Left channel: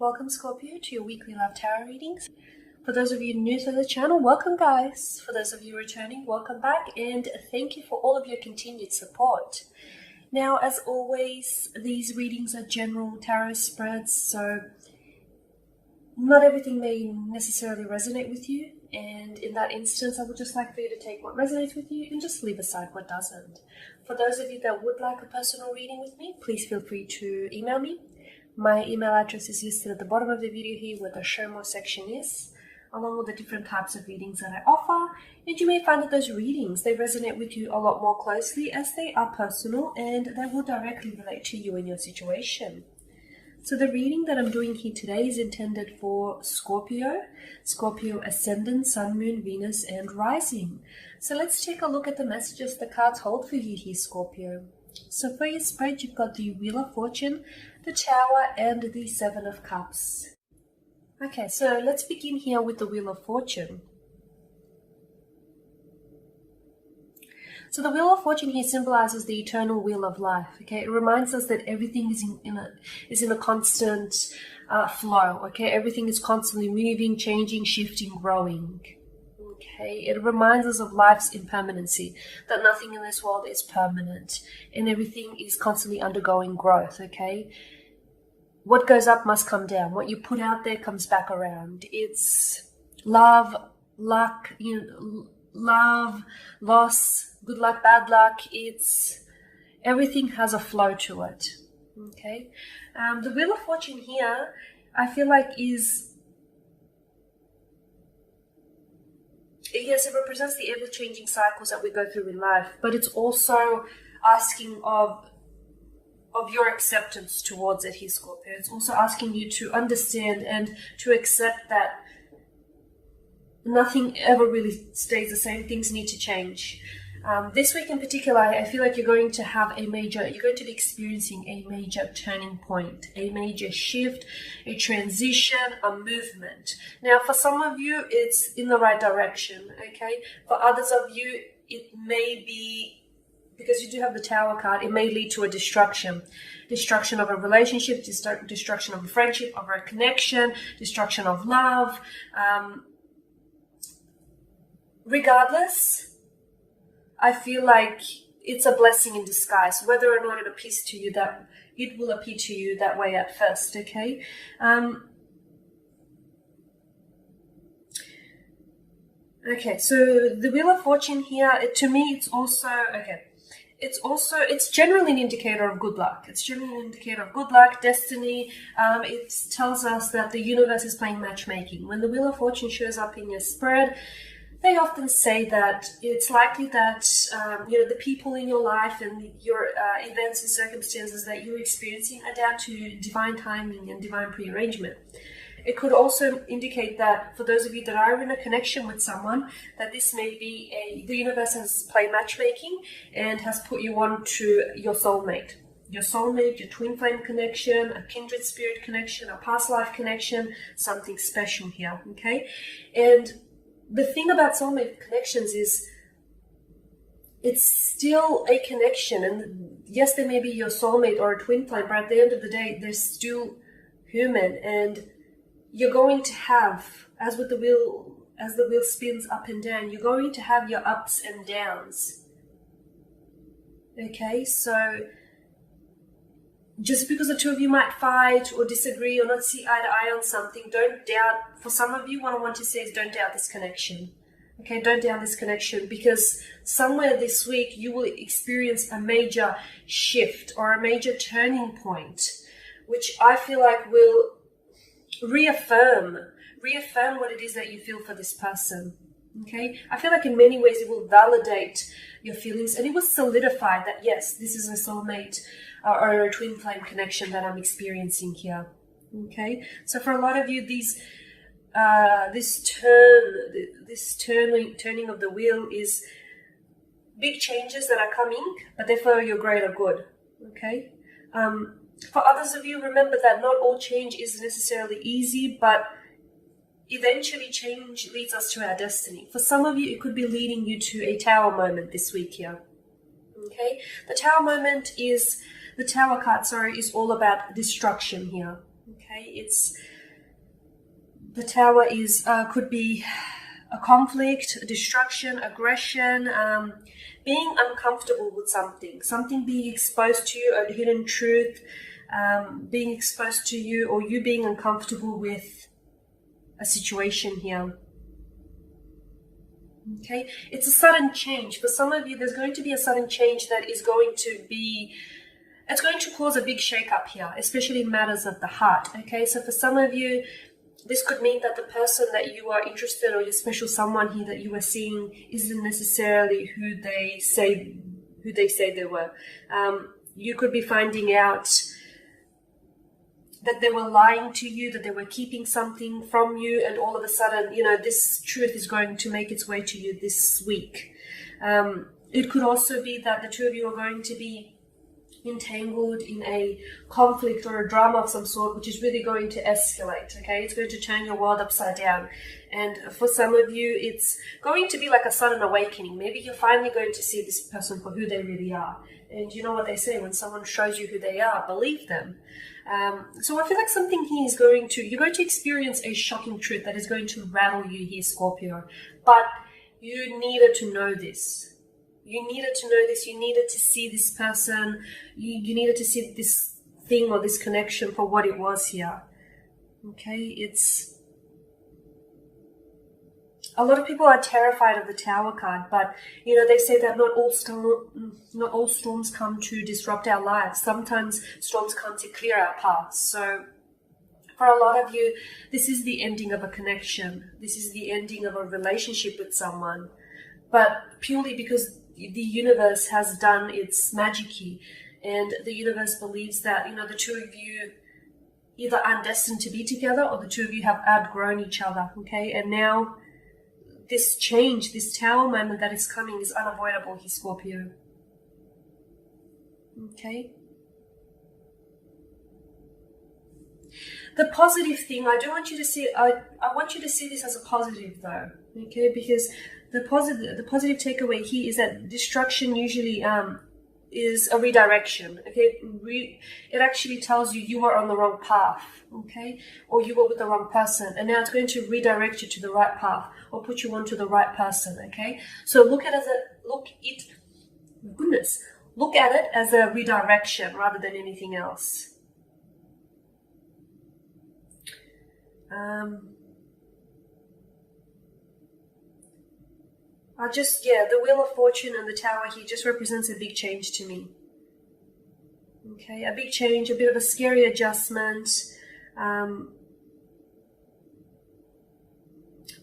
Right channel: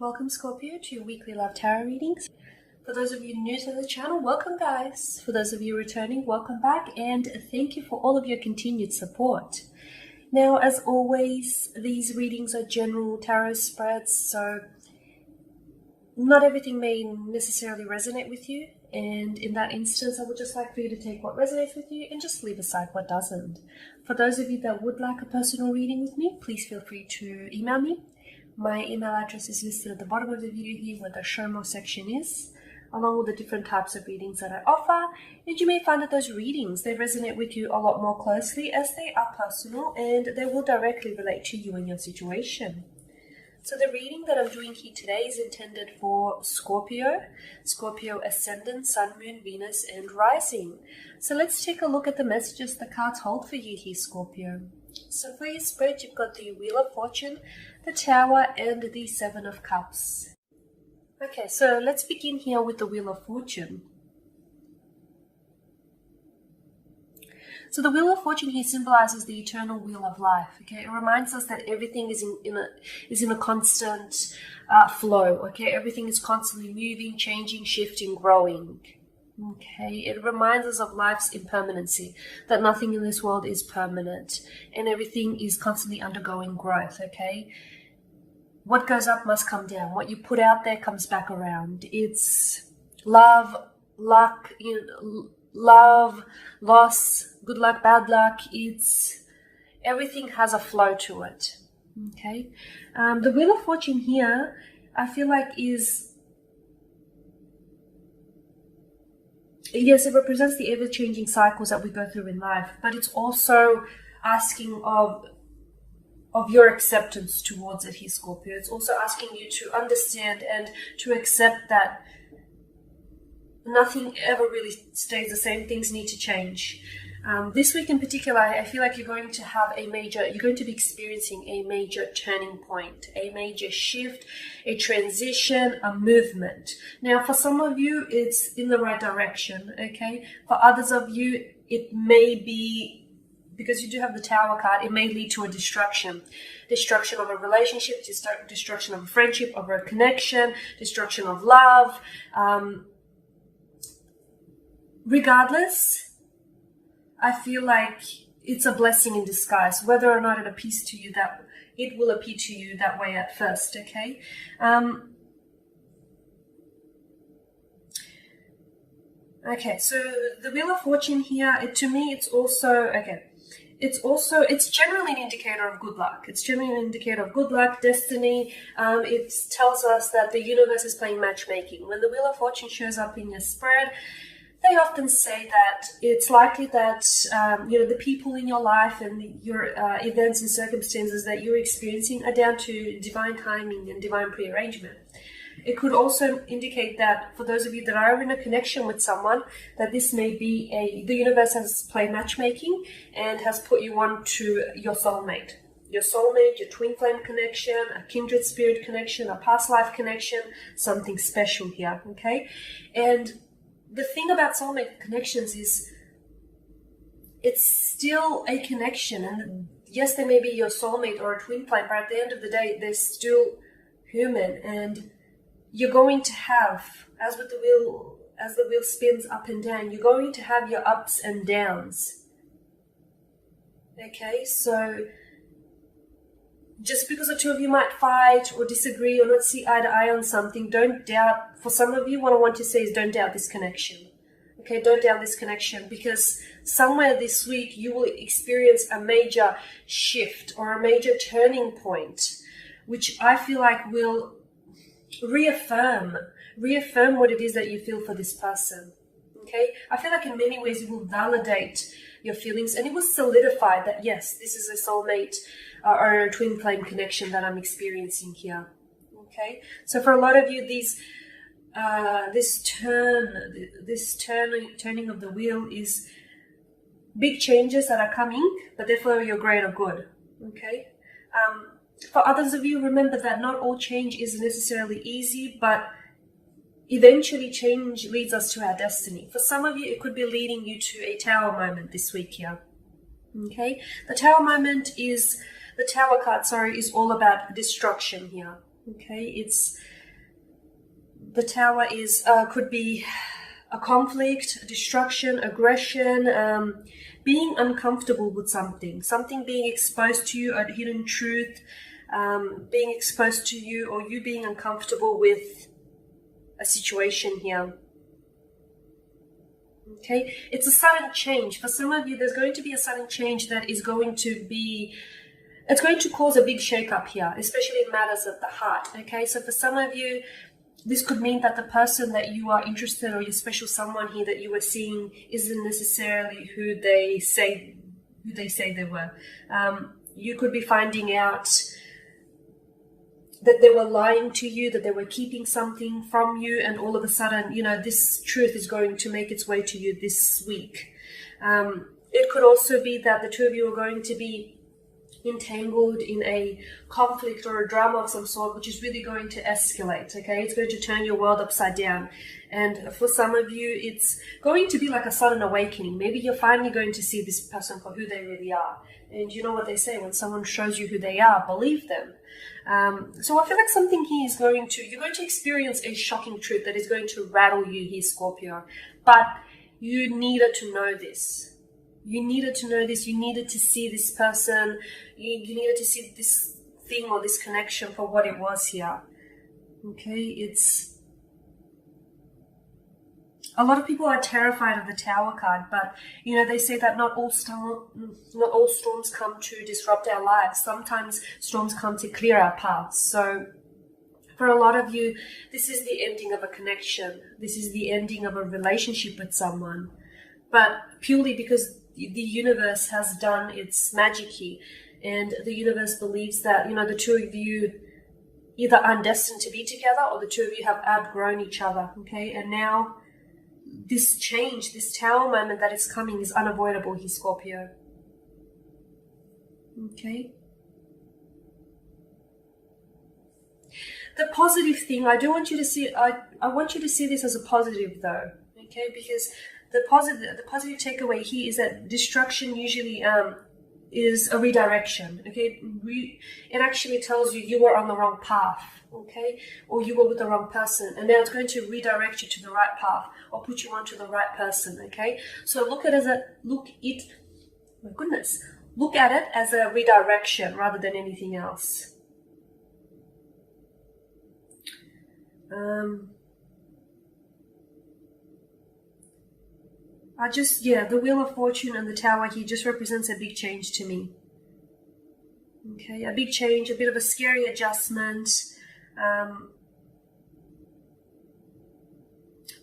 Welcome Scorpio to your weekly love tarot readings. For those of you new to the channel, welcome guys. For those of you returning, welcome back, and thank you for all of your continued support. Now, as always, these readings are general tarot spreads, so not everything may necessarily resonate with you, and in that instance I would just like for you to take what resonates with you and just leave aside what doesn't. For those of you that would like a personal reading with me, please feel free to email me. My email address is listed at the bottom of the video here where the show more section is, along with the different types of readings that I offer. And you may find that those readings, they resonate with you a lot more closely as they are personal and they will directly relate to you and your situation. So the reading that I'm doing here today is intended for Scorpio Ascendant, Sun, Moon, Venus, and Rising. So let's take a look at the messages the cards hold for you here, Scorpio. So for your spread, you've got the Wheel of Fortune, the Tower, and the Seven of Cups. Okay, so let's begin here with the Wheel of Fortune. So the Wheel of Fortune here symbolizes the eternal wheel of life. Okay, it reminds us that everything is in a constant flow. Okay, everything is constantly moving, changing, shifting, growing. Okay, it reminds us of life's impermanency, that nothing in this world is permanent and everything is constantly undergoing growth. Okay, what goes up must come down. What you put out there comes back around. It's love, luck, love, loss, good luck, bad luck. It's everything has a flow to it. Okay, the Wheel of Fortune here, I feel like yes, it represents the ever-changing cycles that we go through in life, but it's also asking of your acceptance towards it here, Scorpio. It's also asking you to understand and to accept that nothing ever really stays the same. Things need to change. This week in particular, I feel like you're going to be experiencing a major turning point, a major shift, a transition, a movement. Now, for some of you, it's in the right direction, okay? For others of you, it may be, because you do have the Tower card, it may lead to a destruction. Destruction of a relationship, destruction of a friendship, of a connection, destruction of love. Regardless, I feel like it's a blessing in disguise, whether or not it appears to you that it will appear to you that way at first, okay? Okay, so the Wheel of Fortune here, to me, it's generally an indicator of good luck. It's generally an indicator of good luck, destiny. It tells us that the universe is playing matchmaking. When the Wheel of Fortune shows up in your spread, they often say that it's likely that the people in your life and your events and circumstances that you're experiencing are down to divine timing and divine prearrangement. It could also indicate that for those of you that are in a connection with someone, that this may be the universe has played matchmaking and has put you on to your soulmate. Your soulmate, your twin flame connection, a kindred spirit connection, a past life connection, something special here, okay? And the thing about soulmate connections is it's still a connection, and yes, they may be your soulmate or a twin flame, but at the end of the day, they're still human, and you're going to have, as the wheel spins up and down, you're going to have your ups and downs. Okay, so just because the two of you might fight or disagree or not see eye to eye on something, don't doubt. For some of you, what I want to say is don't doubt this connection. Okay, don't doubt this connection, because somewhere this week you will experience a major shift or a major turning point, which I feel like will reaffirm what it is that you feel for this person. Okay, I feel like in many ways it will validate your feelings and it will solidify that yes, this is a soulmate or a twin flame connection that I'm experiencing here. Okay, so for a lot of you, this turning of the wheel is big changes that are coming, but they're for your greater good. Okay, for others of you, remember that not all change is necessarily easy, but eventually change leads us to our destiny. For some of you, it could be leading you to a Tower moment this week here. Okay, the Tower moment is, the Tower card, sorry, is all about destruction here. Okay, the Tower is could be a conflict, a destruction, aggression, being uncomfortable with something being exposed to you, a hidden truth, being exposed to you, or you being uncomfortable with a situation here. Okay, it's a sudden change. For some of you, there's going to be a sudden change that is going to be, it's going to cause a big shake-up here, especially in matters of the heart. Okay, so for some of you, this could mean that the person that you are interested, or your special someone here that you are seeing, isn't necessarily who they say they were. You could be finding out that they were lying to you, that they were keeping something from you, and all of a sudden, you know, this truth is going to make its way to you this week. It could also be that the two of you are going to be entangled in a conflict or a drama of some sort, which is really going to escalate. Okay, it's going to turn your world upside down. And for some of you, it's going to be like a sudden awakening. Maybe you're finally going to see this person for who they really are. And you know what they say, when someone shows you who they are, believe them. So I feel like something here is you're going to experience a shocking truth that is going to rattle you here, Scorpio. But you needed to know this. You needed to know this. You needed to see this person. You needed to see this thing or this connection for what it was here. Okay, a lot of people are terrified of the Tower card, but you know, they say that not all storms come to disrupt our lives. Sometimes storms come to clear our paths. So for a lot of you, this is the ending of a connection. This is the ending of a relationship with someone, but purely because the universe has done its magic here, and the universe believes that, you know, the two of you either aren't destined to be together, or the two of you have outgrown each other. Okay, and now this change, this Tower moment that is coming, is unavoidable here, Scorpio. Okay. The positive thing, I want you to see this as a positive though. Okay, because the positive takeaway here is that destruction usually is a redirection. Okay, it actually tells you you were on the wrong path. Okay, or you were with the wrong person, and now it's going to redirect you to the right path, or put you onto the right person. Okay, so look at it as a redirection rather than anything else. The Wheel of Fortune and the Tower here just represents a big change to me. Okay, a big change, a bit of a scary adjustment.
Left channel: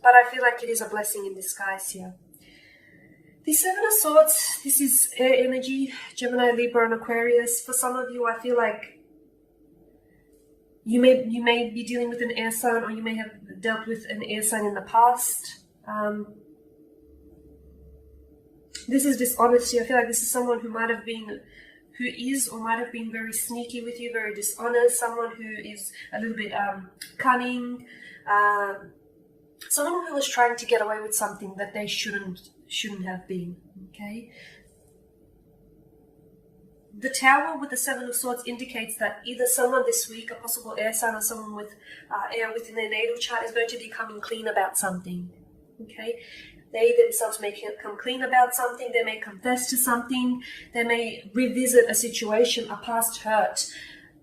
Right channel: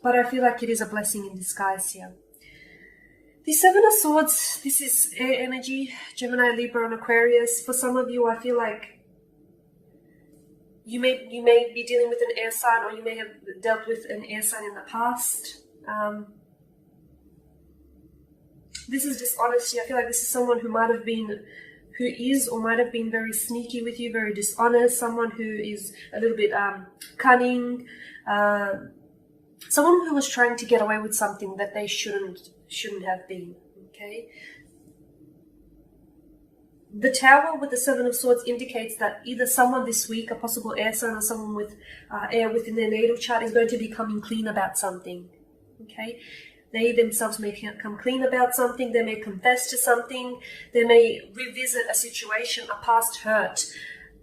But I feel like it is a blessing in disguise here. The Seven of Swords, this is air energy, Gemini, Libra, and Aquarius. For some of you, I feel like you may be dealing with an air sign, or you may have dealt with an air sign in the past. This is dishonesty. I feel like this is someone who is or might have been very sneaky with you, very dishonest, someone who is a little bit cunning, someone who was trying to get away with something that they shouldn't have been. Okay. The Tower with the Seven of Swords indicates that either someone this week, a possible air sign, or someone with air within their natal chart, is going to be coming clean about something. Okay. They themselves may come clean about something. They may confess to something. They may revisit a situation, a past hurt,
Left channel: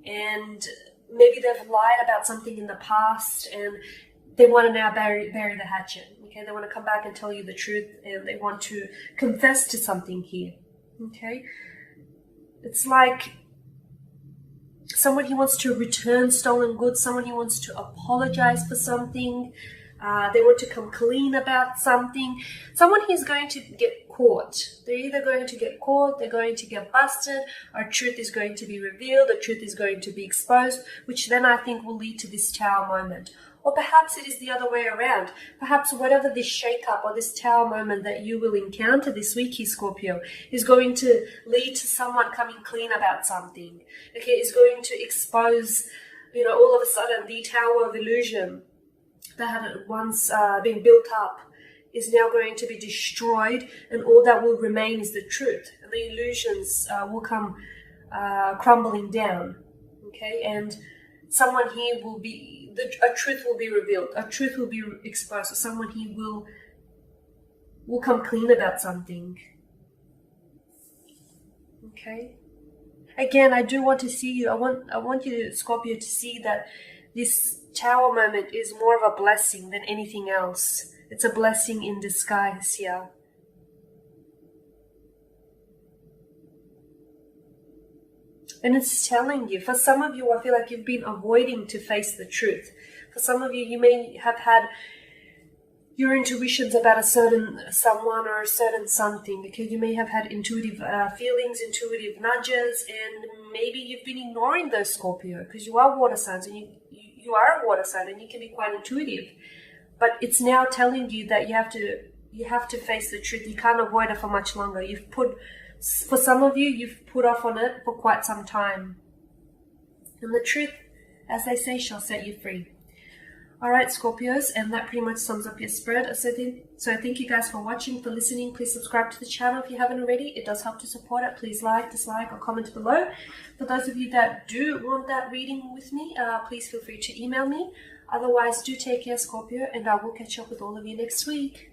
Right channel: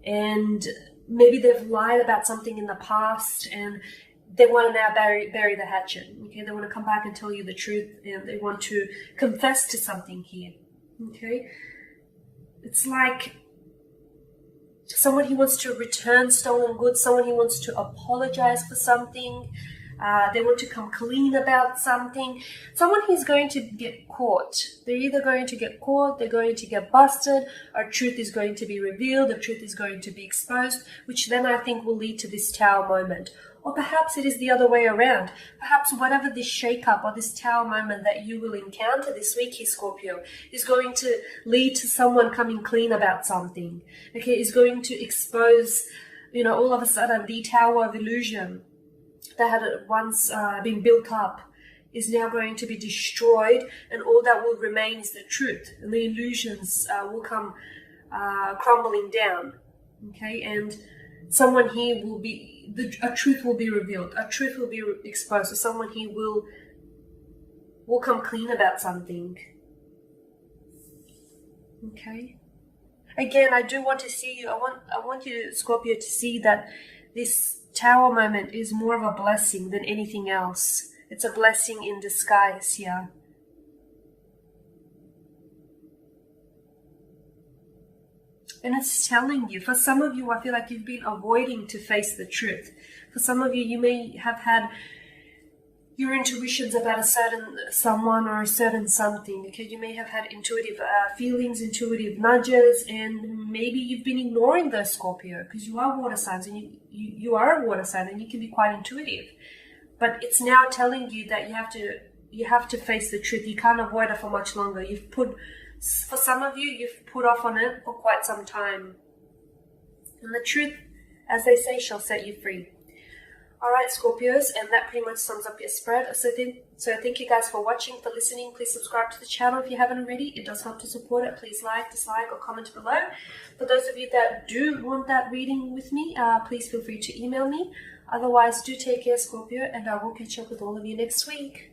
and maybe they've lied about something in the past, and they want to now bury the hatchet. Okay, they want to come back and tell you the truth, and they want to confess to something here. Okay, it's like someone who wants to return stolen goods, someone who wants to apologize for something. They want to come clean about something. Someone who's going to get caught. They're either going to get caught, they're going to get busted, or truth is going to be revealed, or truth is going to be exposed, which then I think will lead to this Tower moment. Or perhaps it is the other way around. Perhaps whatever this shake-up or this Tower moment that you will encounter this week here, Scorpio, is going to lead to someone coming clean about something. Okay, is going to expose, you know, all of a sudden the Tower of Illusion that had once been built up is now going to be destroyed, and all that will remain is the truth, and the illusions will come crumbling down. Okay, and someone here will be, a truth will be revealed, a truth will be exposed, or someone here will come clean about something. Okay. Again, I do want to see you. I want you, Scorpio, to see that this Tower moment is more of a blessing than anything else. It's a blessing in disguise here. And it's telling you, for some of you, I feel like you've been avoiding to face the truth. For some of you, you may have had your intuitions about a certain someone or a certain something. Okay, you may have had intuitive feelings, intuitive nudges, and maybe you've been ignoring those, Scorpio, because you are water signs, and you are a water sign, and you can be quite intuitive. But it's now telling you that you have to face the truth. You can't avoid it for much longer. For some of you, you've put off on it for quite some time. And the truth, as they say, shall set you free. Alright, Scorpios, and that pretty much sums up your spread. So thank you guys for watching, for listening. Please subscribe to the channel if you haven't already. It does help to support it. Please like, dislike, or comment below. For those of you that do want that reading with me, please feel free to email me. Otherwise, do take care, Scorpio, and I will catch up with all of you next week.